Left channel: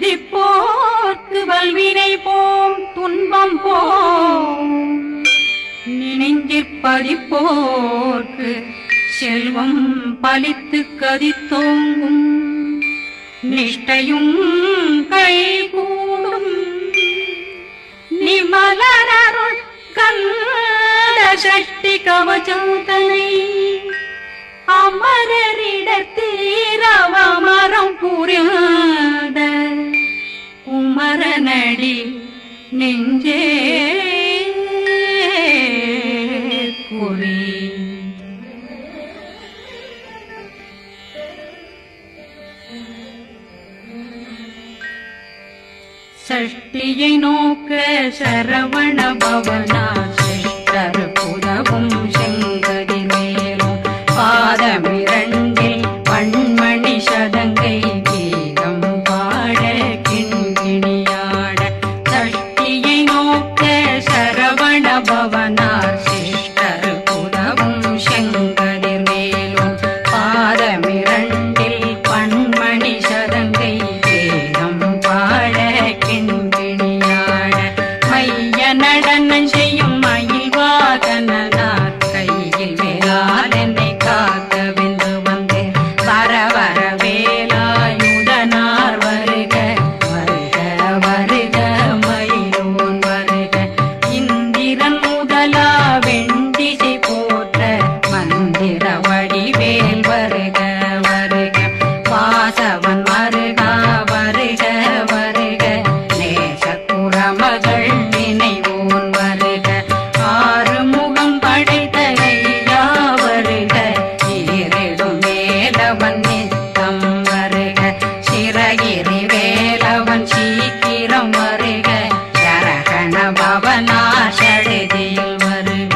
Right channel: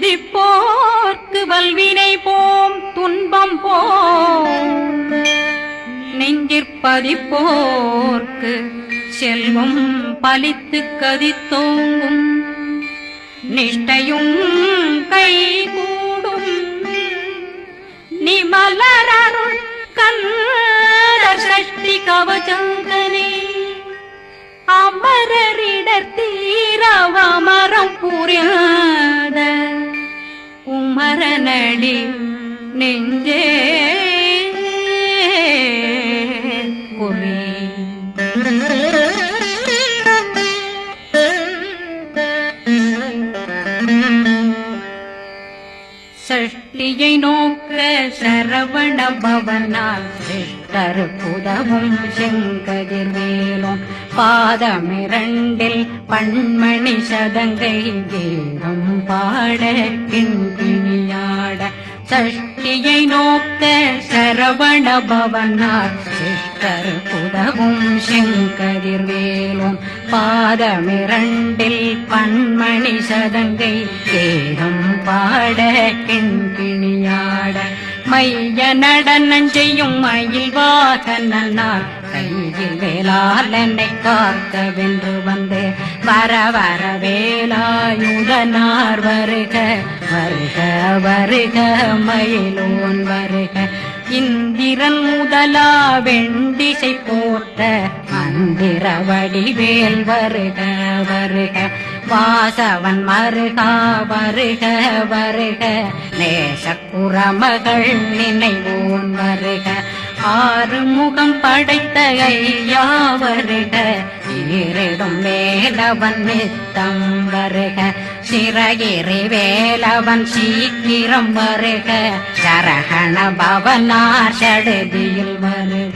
சிந்திப்போர்க்கு வல்வினை போம் துன்பம் போம் நெஞ்சிற்பதிப்போர்க்கு செல்வம் பலித்து கதித்தோங்கும் நிஷ்டையும் கைகூடும் நிமலரருள் கந்த சக்தி கவச்சந்தனை அமரரிடத்தீரவமரம் புரியாத குமரனடி நெஞ்சே குமி சஷ்டியை நோக்க சரவண பவனார் சிஷ்டர் புதவும் செங்கதிர் மேலும் பாதமிரண்டில் பண்மணி சதங்கை கீதம் பாட கிண்கிணியாட சஷ்டியை நோக்க சரவண பவனார் சிஷ்டர் புதவும் செங்கதிர் மேலும் பாதமிரண்டில் பண்மணி சதங்கை கீதம் பாட கிண்கிணியாட மைய நடனம் செய்யும் மயில் வாகனார் கையில் வேளாளனை காக்க வென்று வந்து வர வர வேலாயுதனார் வருக வருக வருக மயிலோன் வருக இந்திரன் முதலா வெண்டிசை போட்ட மந்திர வடிவேல் வருக வருக வாசவன் வருகா வருக வருக நேசக்குறமகள் நினைவோன் வருக ஆறு முகம் படைத்த ஐயா வருக ஈரிடும் வேலவன் நித்தம் வருக சிறகிரி வேலவன் சீக்கிரம் வருக ஜரகண பவனார் சடுதியில் வருக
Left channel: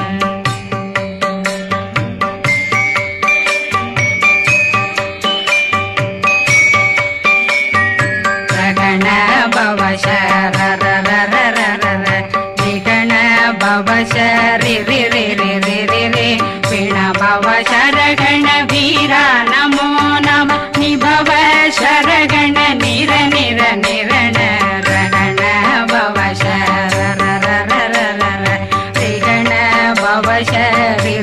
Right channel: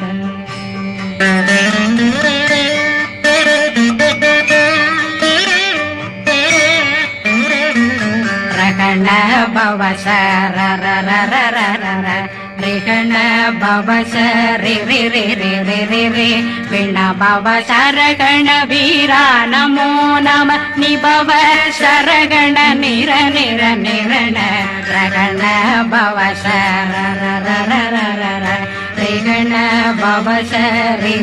ரகண பவசரரரரரர நிகண பவசரி பிண பவசரகண வீரா நமோ நம நிபவ சரகண நிர நிர நிரண ரகண பவசரரரரர நிகண பவசரி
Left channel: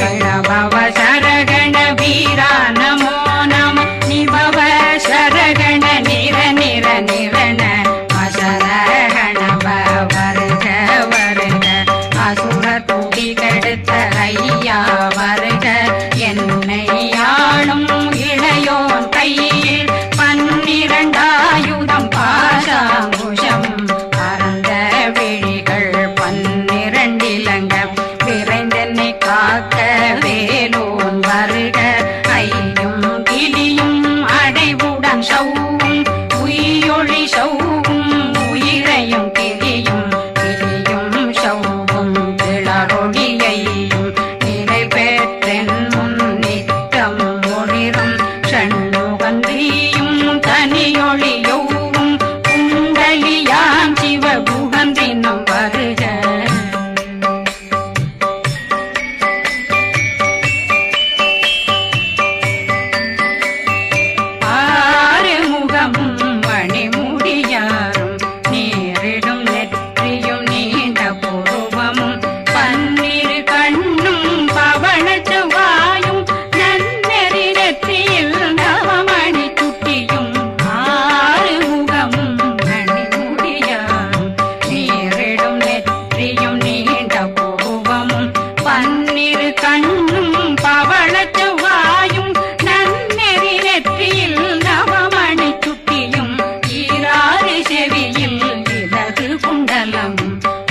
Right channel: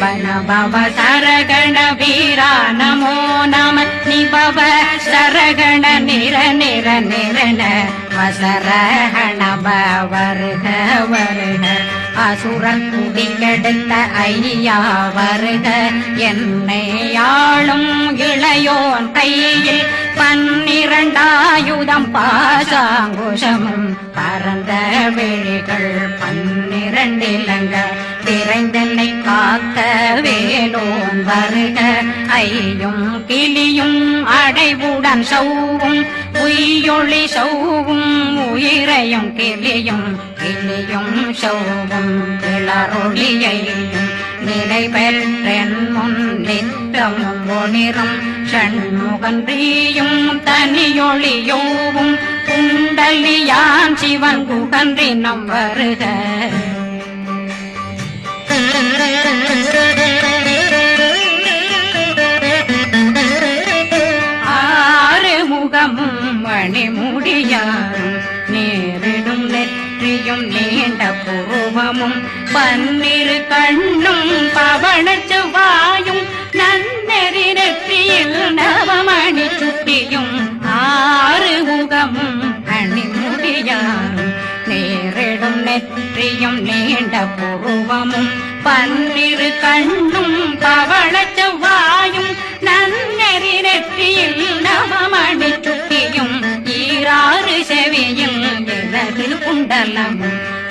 பிண பவசரகண வீரா நமோ நம நிபவ சரகண நிர நிர நிரண அசரகண வருக வருக அசுர குடிகெடுத்த ஐயா வருக என்னை ஆளும் இளையோன் கையில் 12 பாசாங்குஷம் பரந்த விழிகள் 12 இலங்க விரைந்தனை காக்க வேலோன் வருக ஐயும் கிளியும் அடைவுடன் சௌவும் உயிரொளி சௌவும் உயிரையும் கிளியும் கிளியும் சௌவும் இளரொளியையும் நிலை பெற்றென் முன் நித்தம் ஒளிரும் ஷண்முகந்தியும் தனியொளியோவும் குண்டலியான் சிவகுகந்தினம் வருக மணிமுடியாரும் நேரிடும் நெற்றியும் நீண்ட பூவமும் 12 கண்ணும் பவள செவ்வாயும் நன்னெறி நெற்றியில் நவமணி சுட்டியும் 6 முகமும் மணிமுடியாரும் நேரிடும் நெற்றியும் நீண்ட பூவமும் 12 கண்ணும் பவள செவ்வாயும் நன்னெறி நெற்றியில் நவமணி சுட்டியும் 6 செவியும் இடது குண்டலம்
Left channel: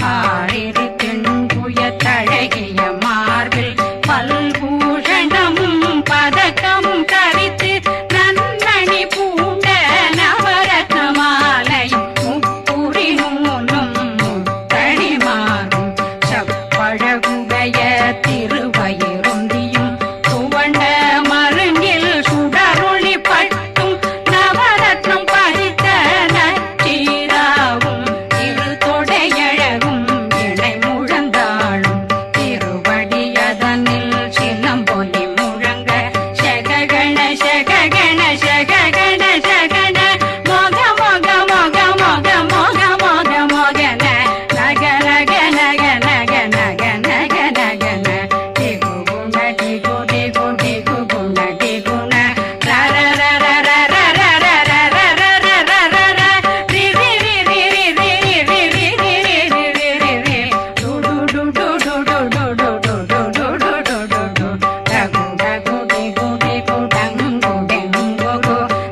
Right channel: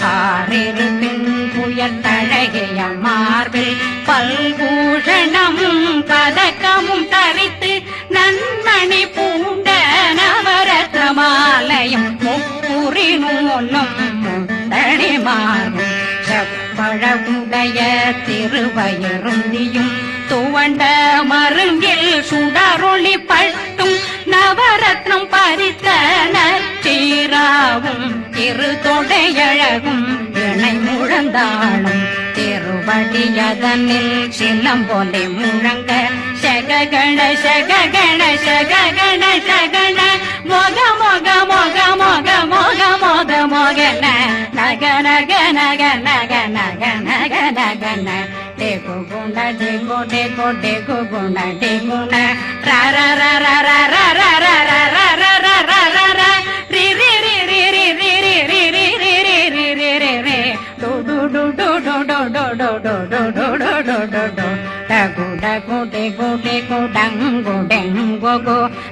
6 தின்புய தழகிய மார்பில் பல்பூஷணமும் பதக்கமும் தரித்து நன்னணி பூண்ட நவரத்ன மாலையும் முப்புரி நூலும் முத்தணிமாரும் செப்பழகுடைய திருவயருந்தியும் துவண்ட மருங்கில் சுடரொளி பட்டும் நவரத்னம் பறித்த நச்சீராவும் இரு தொடையழகும் இணை முழந்தாளும் திருவடியதனில் சிலம்பொலி முழங்க சககண சககண சககண சகண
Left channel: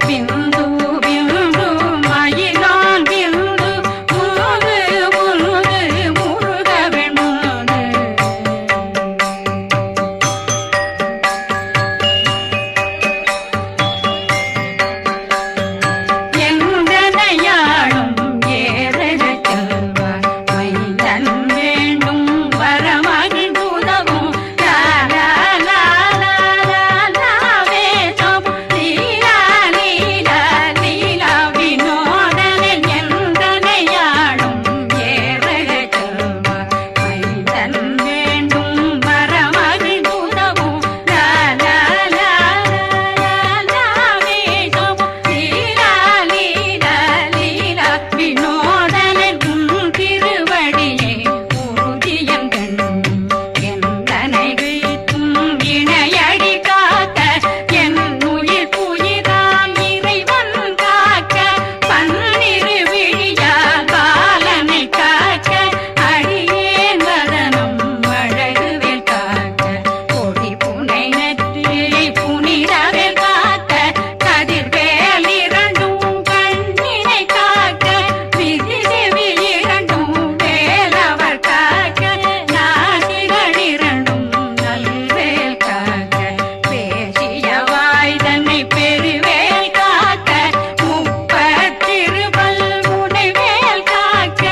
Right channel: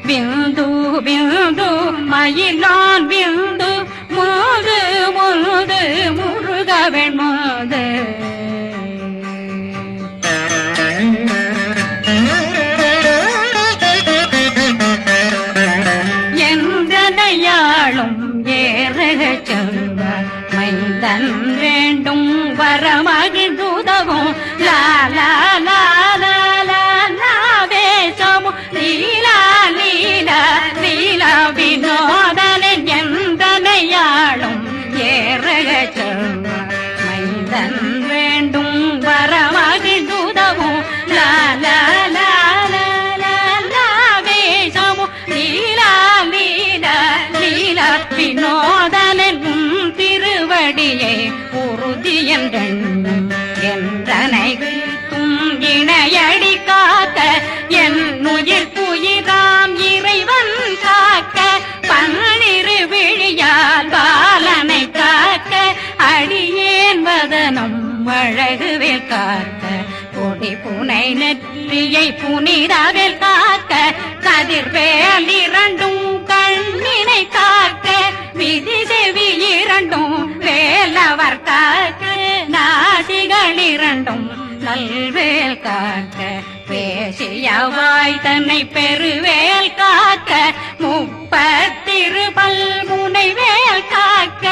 பிந்து பிந்து மயிலான் பிந்து முழுது முழுது முழுக வெண்முது எந்தனையாளும் ஏறுக செல்வார் மைந்தன் வேண்டும் வரமகிழ்ந்துதவும் லாலா புனிதவில் காக்க கதிர்வேல் இரண்டும் கண்ணினை காக்க விதி செவி இரண்டும் வேலவர் காக்க நாசிகள் இரண்டும் நல்வேல் காக்க பேசிய வாய் தன்னை பெருவேல் காக்க முப்பத்திருபல் முனைவேல் காக்க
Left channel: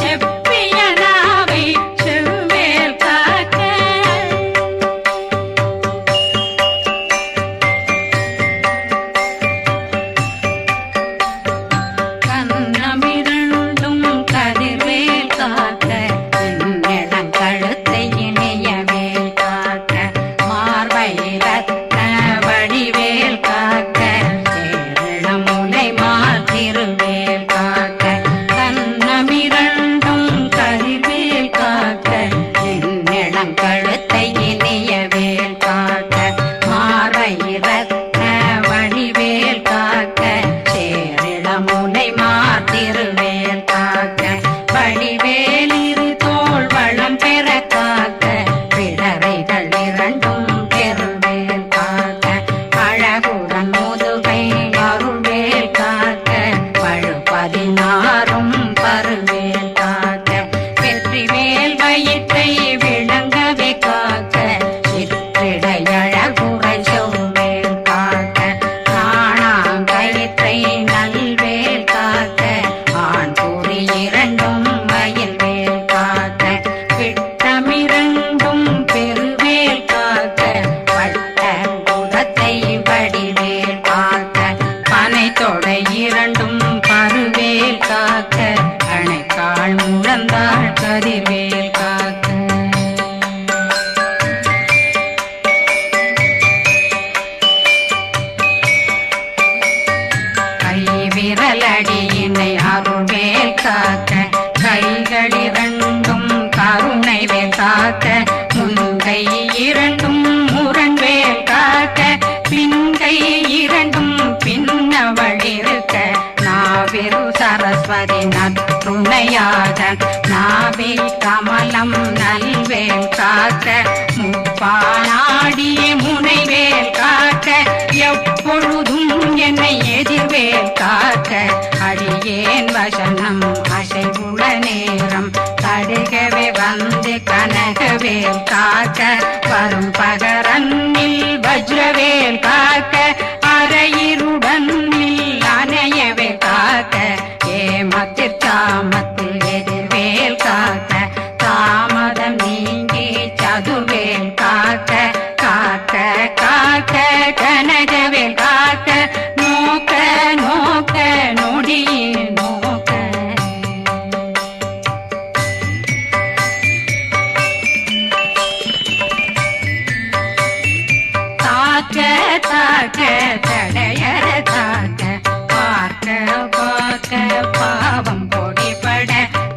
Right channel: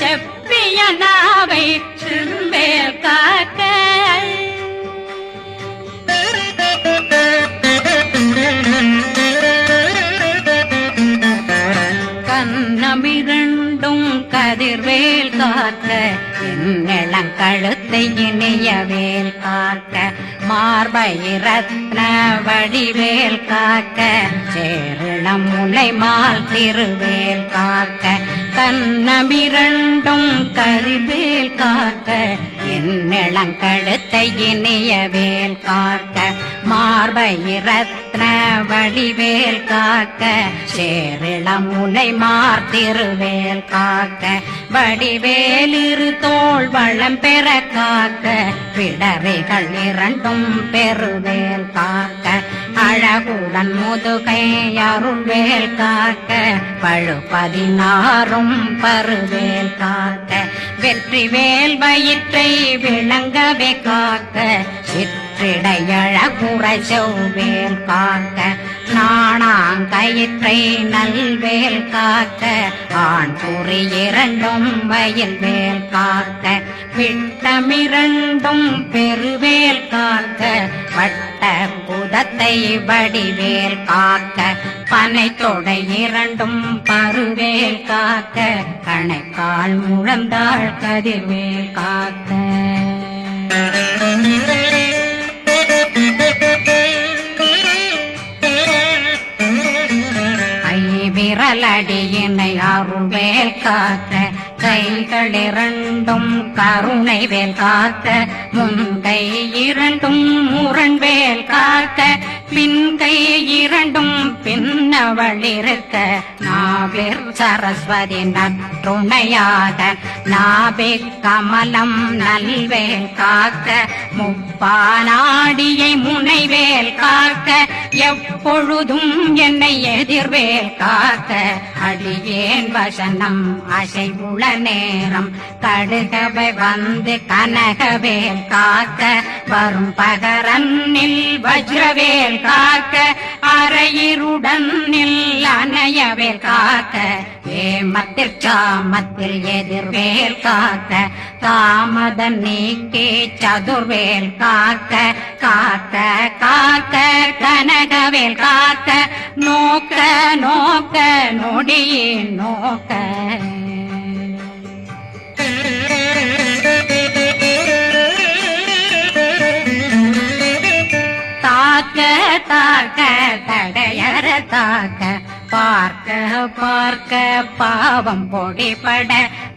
செப்பிய நாவை செல்வேல் காக்க கண்ணமிரண்டும் கதிர்வேல் காக்க இளங்கழுத்தை இணையவேல் காக்க மார்பை ரத்ன வடிவேல் காக்க சேரண முனை மாத்திருவேல் காக்க கண்ணமிரண்டும் கதிர்வேல் காக்க இளங்கழுத்தை இணையவேல் காக்க மார்பை ரத்ன வடிவேல் காக்க சேரிள முனை மார்த்திருவேல் காக்க வடிவேல் இரு தோள் வளம் பெற காக்க பிடவைகள் இரண்டும் பெருவேல் காக்க அழகுடன் முதுகை அருள்வேல் காக்க பழு16 பருவேல் காக்க வெற்றிவேல் வயிற்றை விளங்கவே காக்க சிற்றிடையழகுறை செவ்வேல் காக்க நாணாங்கயிற்றை நல்வேல் காக்க ஆண் குறி இரண்டும் வயல்வேல் காக்க விட்டமிரண்டும் பெருவேல் காக்க வட்ட புதத்தை வடிவேல் காக்க பனை தொடை இரண்டும் பருவேல் காக்க கணைக்கால் முழந்தாள் கதிர்வேல் காக்க விரலடியினை அருள்வேல் காக்க கைகள் இரண்டும் கருணை வேல் காக்க முன்கை இரண்டும் முரண்வேல் காக்க பின்கை இரண்டும் பின்னவழிருக்க நாவில் சரஸ்வதி நற்றுணையாக நாபி கமலம் நல்வேல் காக்க முப்பானாடியை முனைவேல் காக்க எப்பொழுதும் என்னை எதிர்வேல் காக்க அடியேன் வசனம் அசைவுள நேரம் கடுகவே வந்து கனகவேல் காக்க வரும் பகரன்னில் வஜ்ரவேல் காக்க அரையிருடன் அணையவேல் காக்க ஏமத்தில் காமத்தில் எதிர்வேல் காக்க தாமதம் நீங்கி சதுர்வேல் காக்க காக்க காக்க கனகவேல் காக்க நோக்க நோக்க நொடியில் நோக்க தாக்க தாக்க தடையற தாக்க பார்க்க பார்க்க பாவம் பொடிபட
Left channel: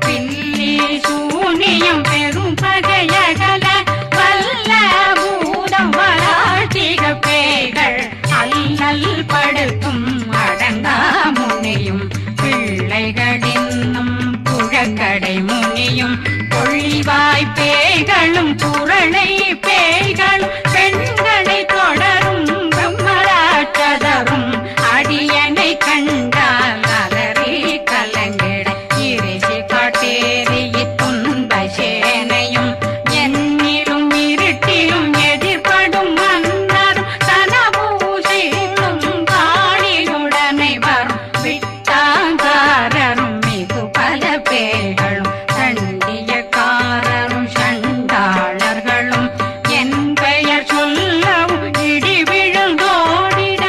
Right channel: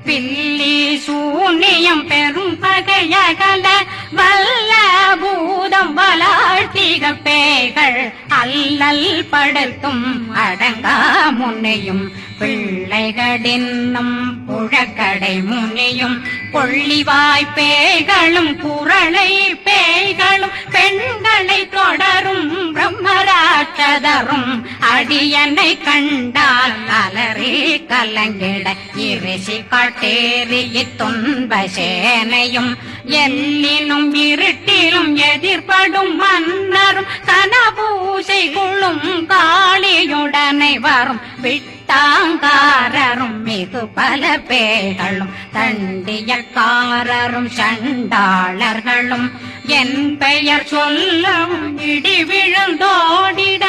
பில்லி சூனியம் பெரும் பகையகல வல்ல பூதம் அவலாட்டிக பேய்கள் அல்லல் படுத்தும் அடங்கா முனையும் பிள்ளைகளின்னும் புழக்கடை முனியும் கொள்ளிவாய் பேய்களும் குரளை பேய்களும் பெண்களை தொடரும் பிரம்மராட்சதரும் அடியனை கண்டால் அலறி கலங்கிட இரிசி காட்டேறிய துன்ப சேனையும் என்னிலும் இருட்டிலும் எதிர்படும் மன்னரும் தனபூசைகளும் காளியுடனை வரும் விட்டாங்காரரும் மிகு பல பேர்களும் தண்டியக்காரரும் சண்டாளர்களும் என் பெயர் சொல்லவும் இடி விழுந்தோடிட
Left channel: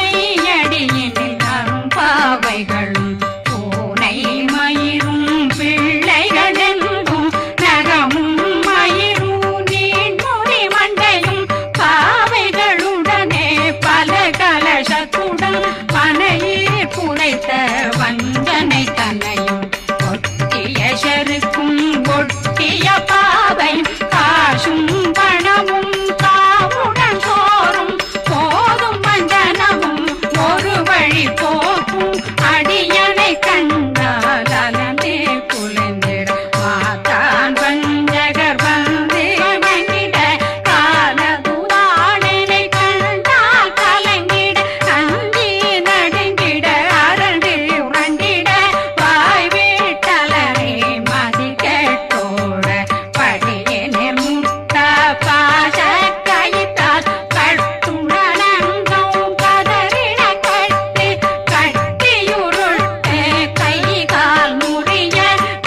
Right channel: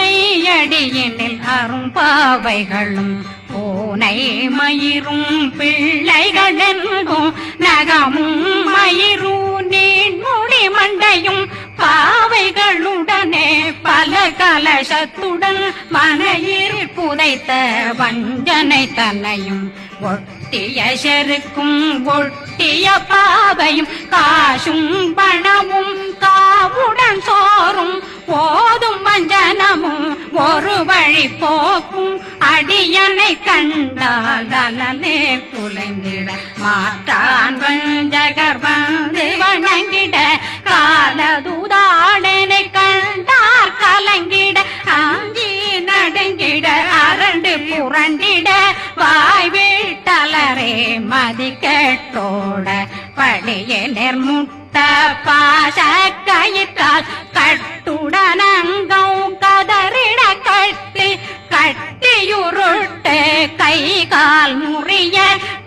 ஆனையடியினில் அரும்பாவைகளும் பூனை மயிரும் பிள்ளைகளெங்கும் நகமும் மயிரும் நீண்முடி மண்டையும் பாவைகளுடனே பல கலசத்துடன் மனையில் புதைத்த வஞ்சனை தன்னையும் ஒட்டிய செருக்கும் ஒட்டிய பாவையும் காசும் பணமும் காவுடன் சோறும் போதும் வஞ்சனமும் ஒரு வழி போக்கும் அடியனை கண்டாலே குலைந்திட மாத்தான் வஞ்சகர் வந்து வணங்கிட காலதுதாடனை கண்டால் கலங்கிட அங்கி நடுங்கிட அரண்டு புரண்டிட வாய் வீட்டலரே மதி கேட்டோட படியே நிர்முட்ட பாச கயிற்றால் கட்டுடனங்கும் கதறிட கட்டி கட்டியுருட்டு கை கால் முறிய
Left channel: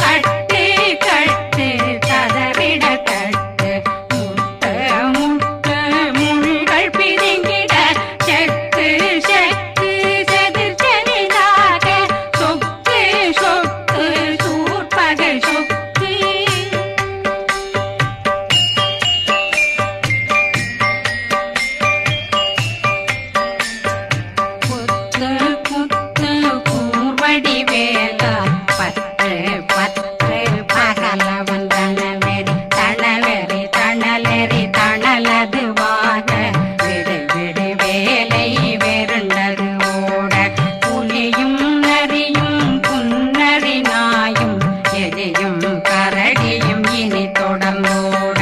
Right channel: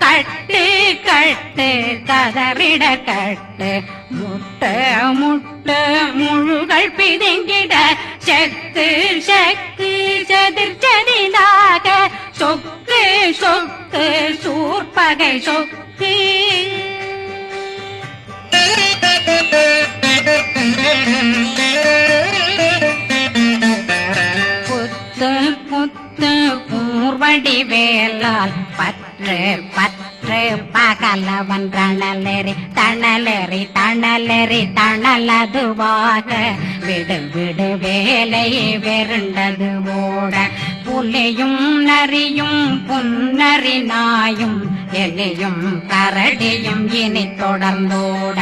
கட்டு கட்டு கதறிட கட்டு முட்டு முட்டு முள்கள் பிதுங்கிட செத்து செத்து செதிர் செதிலாக சொக்கு சொக்கு சூர்பகை சொக்கு கூர்வடி வேலால் பற்று பற்று பகலவன் தணலெறி தணலெறி தணலெறி தணலதுவாக விடு விடு வேலை வெருண்டது ஓட புலியும் நரியும் புன்னரி நாயும் எலியும் கரடியும் இனி தொடர்ந்தோட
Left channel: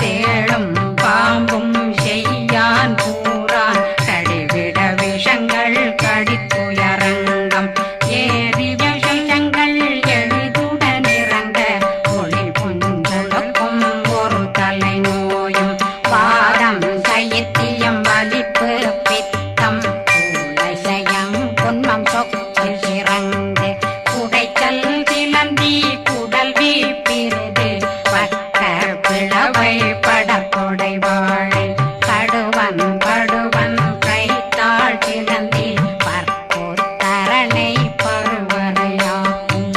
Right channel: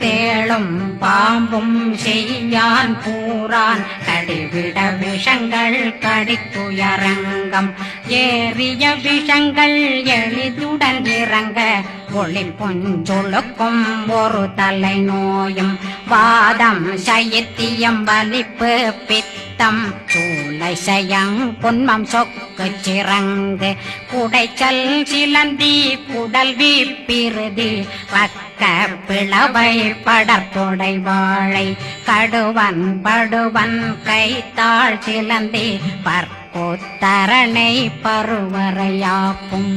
தேளும் பாம்பும் செய்யான் கூறான் கடிவிட விஷங்கள் கடித்துயரங்கம் ஏறிய விஷங்கள் எளிதுடன் இறங்க ஒளில் புஞ்சுழுக்கும் ஒரு தலை நோயும் வாதம் சைத்தியம் வலிப்பு பித்தம் சூளை சயம் பொன்மம் சொக்கு சிறங்கு குடைச்சல் சிலந்தி குடல் வீப்பிருது பக்க பிளவை படற்கொடை வாழை கடுவன் படுவன் கைத்தாள் சிலந்தி பற்போத்தரணை பருவரையாக்கும்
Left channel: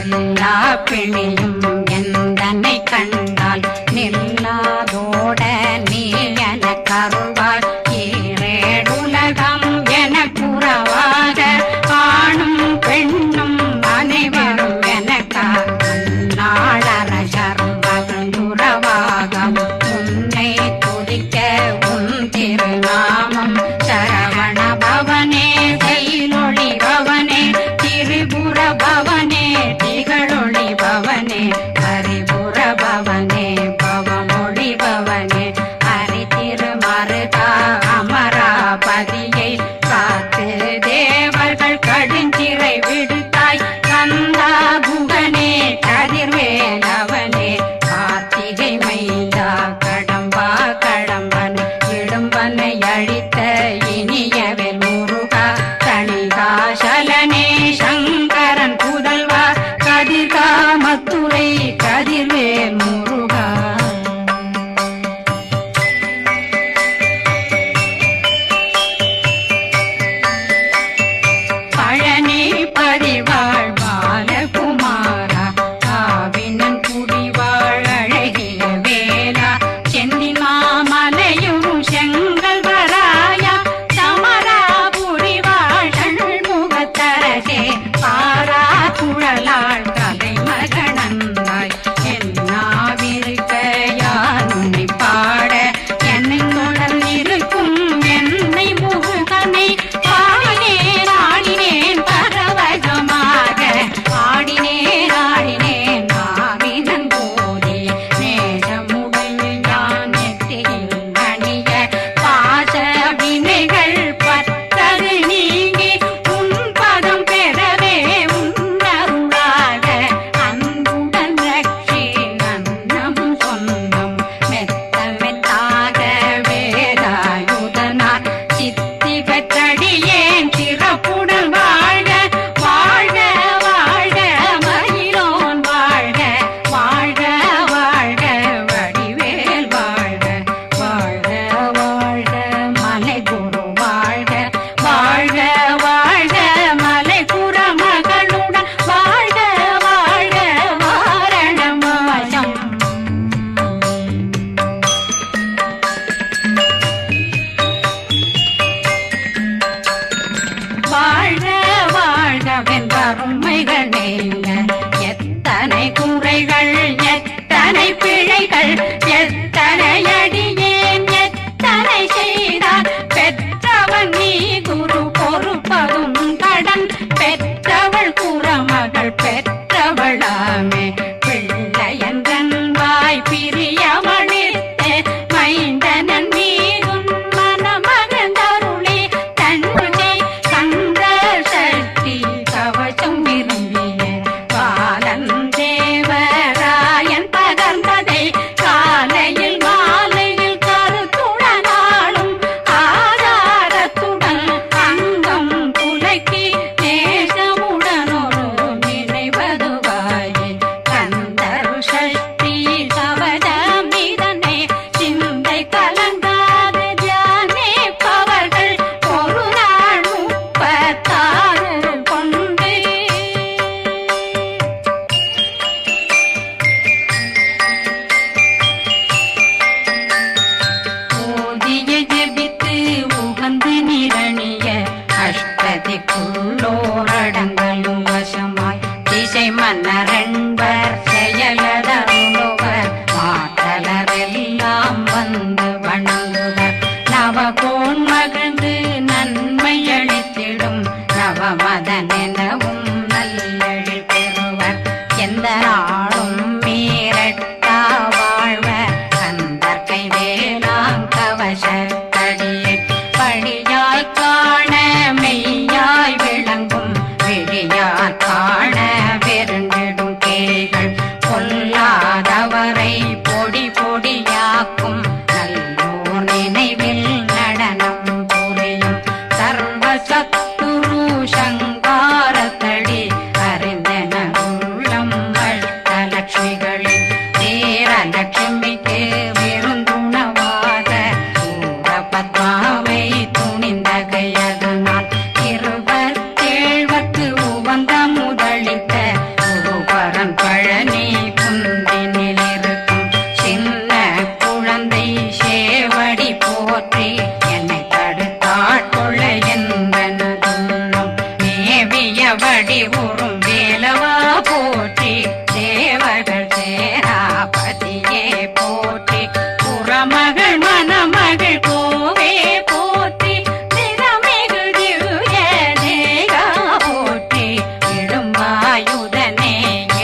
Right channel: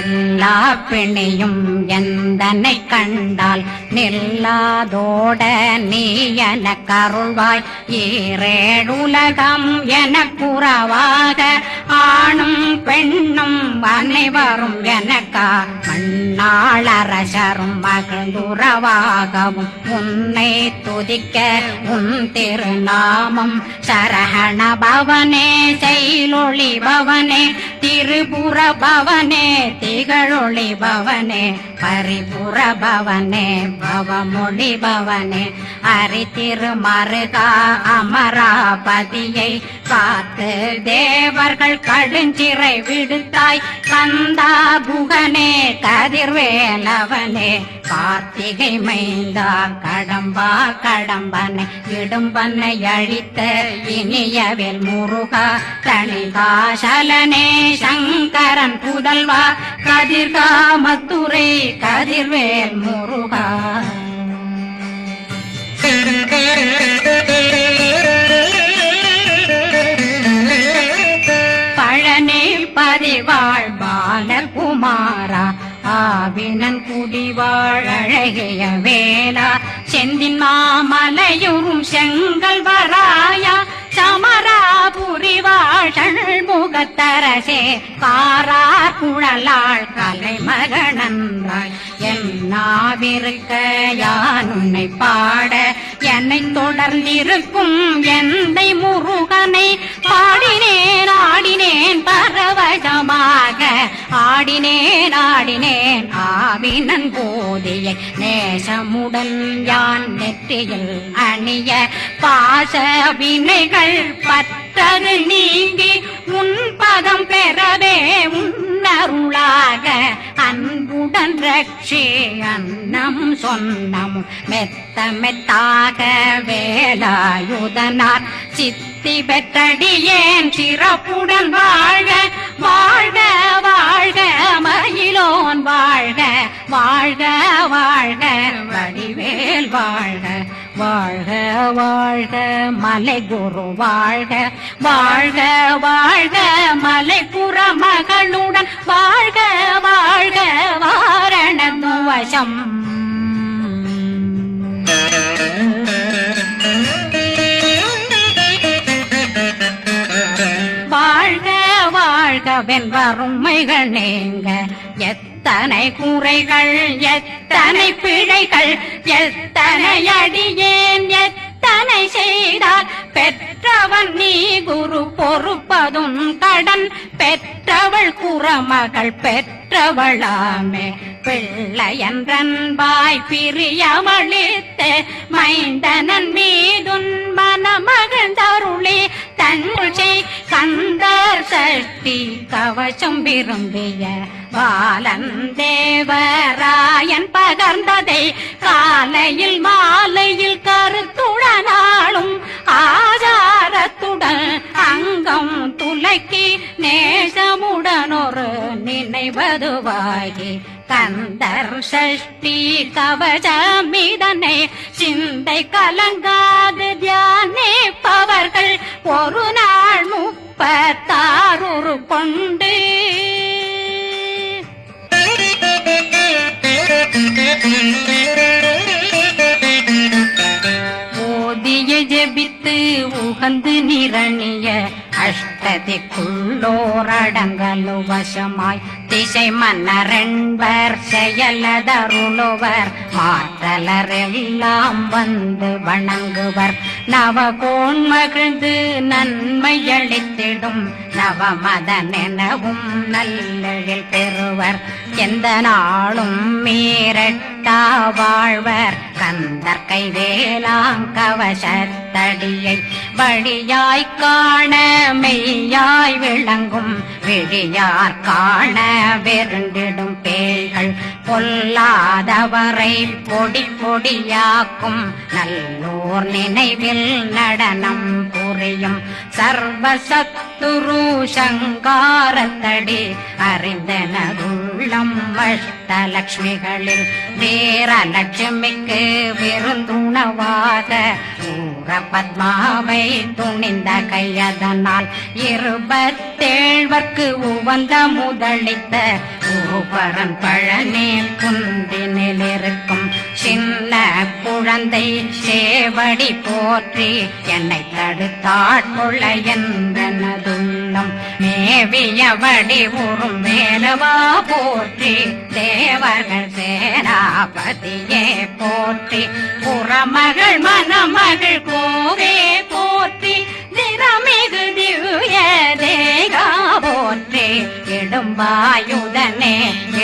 எல்லா பிணியும் எந்தனை கண்டால் நில்லாதோட நீ என கருள்வாய் ஈரேடுலகம் என புறவாக ஆணும் பெண்ணும் அனைவரும் எனக்கா மண்ணாளரசரும் மகிழ்ந்துறவாகவும் உன்னை துதிக்க உன் திருநாமம் சரகண பவனே செயலொளி பவனே திரிபுர பவனே திகழொளி பவனே பரிபுர பவனே பவமொழி பவனே ஹரி திருமருகா அமராபதியை காத்து தேவர்கள் கடுஞ்சிறை விடுத்தாய் கந்தா குகனே கதிர்வேலவனே கார்த்திகை மைந்தா கடம்பா கடம்பனை விடும்பனை அழித்த இனியவன் முருகா தனிகாசலனே சங்கரன் புதல்வா கதிர்காமத்துரை கதிர்வேல் முருகா பழனி பதிவாழ் பாலகுமாரா ஆவினன் குடிவாழ் அழகிய வேலா செந்தினா அரசே பாரா குழலாள் கலைமகனந்தாய் என்னாவிருக்க யான் உன்னை பாட என்னை தொடர்ந்திருக்கும் என்னை முருகனை பாடினேன் ஆடினேன் பரவசமாக ஆடினேன் ஆடினேன் ஆவினன் போதிய நேசமுடன் யான் நெற்றியில் அணிய பாச வினைகள் பற்றது நீங்கி உன் பதம் பெறவே உன்னருளாக அன்புடன் ரட்சி அன்னம் சொன்னம் மெத்த மெத்தாக வேலாயுதனார் சித்தி பெற்றடியேன் சிறப்புடன் வாழ வாழ்க வாழ்க மயிலோன் வாழ்க வாழ்க வாழ்க வடிவேல் வாழ்க வாழ்க வாழ்க மலை குரு வாழ்க வாழ்க வாழ்க மலை புற மகளுடன் வாழ்க வாழ்க வாரணம் வசம் வாழ்க வாழ்கவென் வறுமைகள் நீங்க எத்தனை குறைகள் எத்தனை பிழைகள் எத்தனை அடியேன் எத்தனை செய்தார் பெற்றவன் நீ குரு பொறுப்பதும் கடன் பெற்றவள் குறமகள் பெற்றவளாமே பிள்ளையன்றன் வாய் பிரியமளித்த மைந்தனன் மீதுன் மனமகந்தருளே தன்னை கந்த சக்தி கவசம் விரும்பிய பாலன் தேவராயன் பகர்ந்ததை காலையில் மாலையில் கருத்துடனாலும் ஆதாரத்துடன் அங்கம் துலக்கி நேசமுடனொரு நினைவதுவாகி கந்தர் சஷ்டி கவசமிதனை சிந்தை கலங்காது தியானிப்பவர்கள் ஒரு நாள் 36 கொண்டு ஓதிய ஜெபித்து உகந்து நிரணிய அஷ்டதிக்குள்ளோரடங்கலும் வசமாய் திசை மன்னரென்பர் செயலதருளுவர் மாற்றலரெல்லாம் வந்து வணங்குவர் நவகோன் மகிழ்ந்து நன்மை அளித்திடும் நவமதனெனவும் நல்லெழில் பெறுவர் எந்த நாளும் மீறட்டா வாழ்வர் கந்தர் கைவேலாங் கவசத்தடியை படியாய் காண மெய்யாய் விளங்கும் விழியார் காண வெருங்கிடும் கேள்கள் பொல்லாதவரை பொடி பொடியாக்கும் நல்லோர் நினைவில் நடனம் புரியும் சர்வசத்துரு சங்காரத்தடி அறிந்தனருள்ளம் வட்டலட்சுமிகளில் தேரலட்சுமிக்கு விருந்துணவாத பத்மாவை துணிந்த கையதனால் 27 உவந்த முதலித்த பூபரன் பழனில் குந்தினில் இருக்கும் சின்ன குழந்தை சேவடி போற்றி என்னை தடுத்தாட்கொள்ள என்பதுள்ளம் மேவியபடி உறும் வேலவா போற்றி தேவர்கள் சேராபதியே போற்றி புறமகள் மணமகள் கோவே போற்றி திறமிகு திவ்ய தேகா போற்றி இடும்பாயுதனே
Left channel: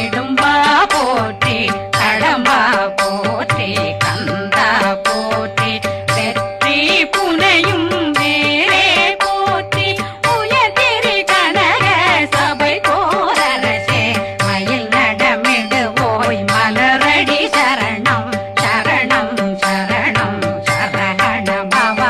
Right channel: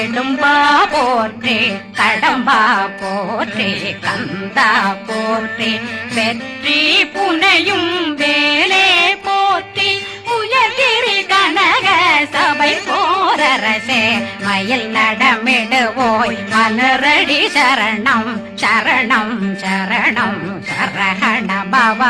இடும்பா போற்றி கடம்பா போற்றி கந்தா போற்றி வெற்றி புனையும் வேலே போற்றி உயர்திரி கனக சபை போரரசே மயில் நடமிடுவோய் மலரடி சரணம் சரணம் சரணம் சரஹண பவ